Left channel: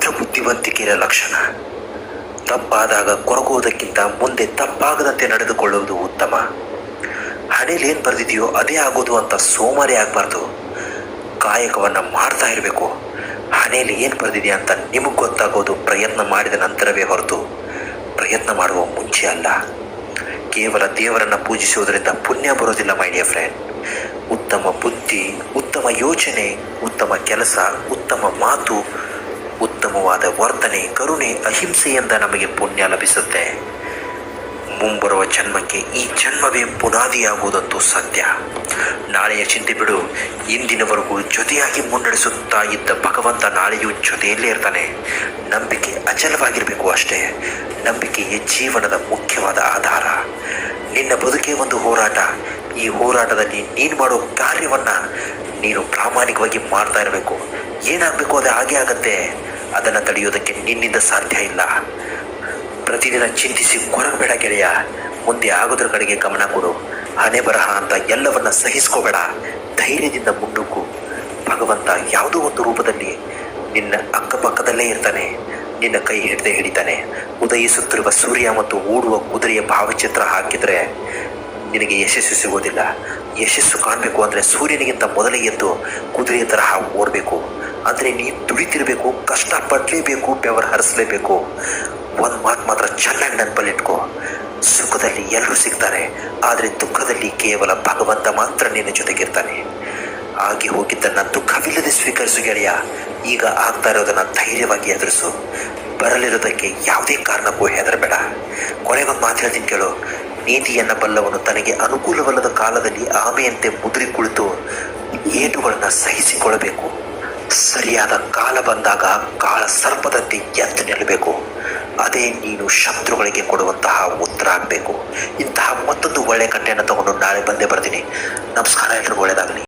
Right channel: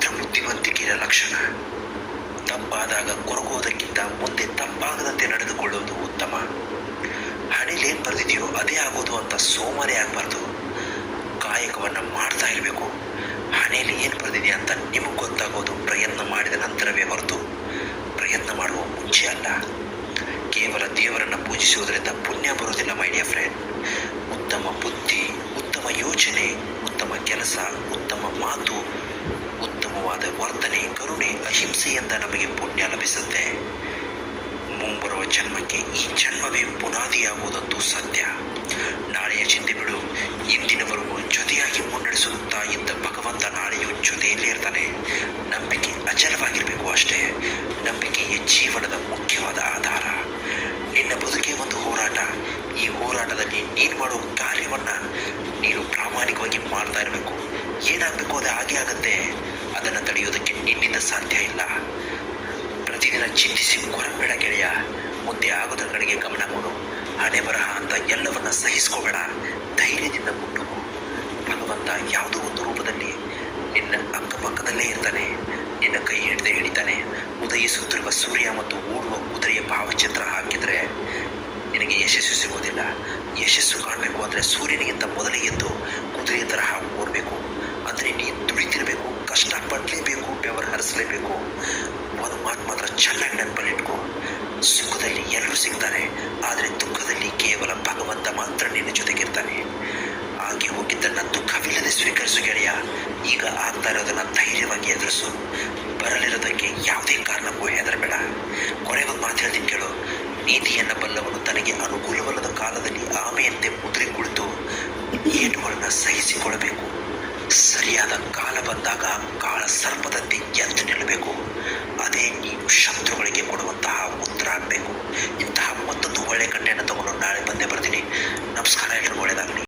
ಮಾತ್ರ ಬುದ್ಧಿವಂತಿಕೆಯ ಲಕ್ಷಣ. ತಪ್ಪಾದಾಗ ಕೊರಗುವುದಕ್ಕಿಂತ ಮುಂದೆ ತಪ್ಪಾಗದಂತೆ ನಡೆದುಕೊಳ್ಳುವುದು ಉತ್ತಮ. ಹಣೆಯಲ್ಲಿ ಏನು ಬರೆದಿದೆಯೋ ಅದೇ ಆಗೋದು ಅಂತ ಸೋಮಾರಿ ಆಗಬಾರ್ದು. ಕಾಯಕವನ್ನು ಮಾಡ್ತಾ ಇರಬೇಕು. ಹಣೆಯಲ್ಲಿ ಏನು ಬರೆದಿದೆ ಅಂತ ನಿಮಗೆ ಗೊತ್ತಾಗೋದು ಪ್ರಯತ್ನ ಮಾಡಿದ ನಂತರವೇ ಹೊರತು ಪ್ರಯತ್ನ ಮಾಡುವ ಮುಂಚೆ ಅಲ್ಲ. ಕೇವಲ ದೇವರನ್ನು ಪೂಜಿಸುವುದರಿಂದ ಪುಣ್ಯ ಬರೋದಿಲ್ಲ ಮೈ ಡಿಯರ್ ಫ್ರೆಂಡ್. ಉತ್ತಮ ಬುದ್ಧಿ, ಉತ್ತಮ ಯೋಚನೆ, ಉತ್ತಮ ಕೆಲಸ, ಉತ್ತಮ ಮಾತು, ಉತ್ತಮವಾದ ವರ್ತನೆ, ಕರುಣೆ, ಅಹಿಂಸೆಯಿಂದ ನಮಗೆ ಪುಣ್ಯ ಲಭಿಸುತ್ತೆ. ಮುಂಬರುವ ಜನ್ಮಕ್ಕೆ ಈ ಜನ್ಮವೇ ಬುನಾದಿಯಾಗುವುದಂತೂ ಸತ್ಯ. ನಾಳೆಯ ಚಿಂತೆ ಬಿಡು. ಇಂದಿನವರೆಗೂ ಜೊತೆಯಾಗಿ ಮುನ್ನಡೆಸುತ್ತಾ ಇದ್ದ ಭಗವಂತ ನಾಳೆಯೂ ಜೊತೆಯಲ್ಲೇ ಇರ್ತಾನೆ. ನಂಬಿಕೆ ಅಚಲವಾಗಿರಬೇಕು ಅಷ್ಟೇ. ನಂಬಿಕೆಯೇ ಜೀವನದ ಮುಖ್ಯವಾದ ಆಧಾರ. ನಿನ್ನ ಬದುಕೇ ಒಂದು ಹೋರಾಟ. ಈ ಹೋರಾಟದಲ್ಲಿ ನೀನು ಮಾಡೋ ಕಾರ್ಯವನ್ನು ನೀನು ಪ್ರಾಮಾಣಿಕವಾಗಿ ಮಾಡ್ತಾ ಇರಬೇಕು. ಏನಾಗಬೇಕು ಅದು ಹಾಗೆ ಆಗತ್ತೆ. ಅದನ್ನು ತಡೆಯೋದಕ್ಕೆ ನಿನ್ನಿಂದ ಸಾಧ್ಯ ಇಲ್ಲ. ಪ್ರತಿದಿನ ಚಿಂತಿಸಿ ಕೊರಗಬೇಡ ಗೆಳೆಯ. ಮುಂದೆ ಆಗೋದ್ರ ಕಡೆಗೆ ಗಮನ ಕೊಡು. ಹಣೆ ಬರಹ ಅಂತ ಎಲ್ಲವನ್ನ ಸಹಿಸ್ಕೋಬೇಡ. ಧೈರ್ಯದಿಂದ ಮುನ್ನುಗ್ಗು. ಭಗವಂತ ಯಾವುದೋ ಒಂದು ರೂಪದಲ್ಲಿ ನಿನ್ನ ಅಕ್ಕಪಕ್ಕದಲ್ಲೇ ಇರ್ತಾನೆ. ನಿನ್ನ ಕೈ ಹಿಡಿದೇ ಹಿಡಿತಾನೆ. ಉದಯಿಸುತ್ತಿರುವ ಸೂರ್ಯ ಮತ್ತು ಓಡುವ ಕುದುರೆಯ ಭಾವಚಿತ್ರ ಹಾಕಿದರೆ ನಿನಗೆ ಯಶಸ್ಸು ಸಿಗೋದಿಲ್ಲ. ಯಶಸ್ಸು ಕಾಣಬೇಕು ಅಂದರೆ ಸೂರ್ಯನಿಗಿಂತ ಮೊದಲೇ ಎದ್ದು ಕುದುರೆಯ ತರಹ ಓಡಬೇಕು. ಅಂದರೆ ನೀನು ದುಡಿತಿರಬೇಕು, ಕಷ್ಟಪಡಲೇಬೇಕು, ಬೆವರು ಹರಿಸಲೇಬೇಕು. ಒಂದು ಮಾತು ಮಾತ್ರ ಚೆನ್ನಾಗಿ ನೆನಪಲ್ಲಿಟ್ಕೋ. ಸುಖದಲ್ಲಿ ಎಲ್ಲರೂ ಸಿಗ್ತಾರೆ, ಆದರೆ ದುಃಖದಲ್ಲಿ ಕೇವಲ ಭಗವಂತ ಮಾತ್ರ ನಿನ್ನ ಜೊತೆಗಿರ್ತಾನೆ. ಆಗಿ ಹೋಗಿದ್ದನ್ನು ದುಃಖವಿಲ್ಲದೆ ಸ್ವೀಕರಿಸು ಗೆಳೆಯ. ಈಗ ಆಗ್ತಾ ಇರೋದನ್ನು ಧೈರ್ಯವಾಗಿ ಎದುರಿಸು. ಬರಲಿರೋದಕ್ಕೆ ಯಾವುದೇ ಕಾರಣಕ್ಕೂ ಹೆದರಬೇಡ. ಕೊನೆಗೊಂದು ಮಾತು ಹೇಳ್ತೀನಿ ಕೇಳು. ನೀತಿಯನ್ನು ಬಲ್ಲವನು ತನಗೆ ಅನುಕೂಲವಲ್ಲದ ಕಾಲದಲ್ಲಿ ಆಮೆಯಂತೆ ಮುದುರಿ ಕುಳಿತು ಏಟುಗಳನ್ನು ಸಹಿಸಿಕೊಳ್ಳಬೇಕು. ಸರಿಯಾದ ಕಾಲ ಬಂದಾಗ ಕಾಳ ಸರ್ಪದಂತೆ ಎದ್ದು ನಿಲ್ಲಬೇಕು. ಅದೇ ನೀನು ಶತ್ರುಗಳಿಗೆ ಕೊಡುವಂತಹ ಉತ್ತರ ಆಗಬೇಕು. ಇಂತಹ ಮತ್ತೊಂದು ಒಳ್ಳೆಯ ಕಂಟೆಯನ್ನು ತಗೊಂಡು ನಾಳೆ ಬಂದೇ ಬರ್ತೀನಿ. ನಮಸ್ಕಾರ, ಎಲ್ಲರಿಗೂ ಒಳ್ಳೆಯದಾಗಲಿ.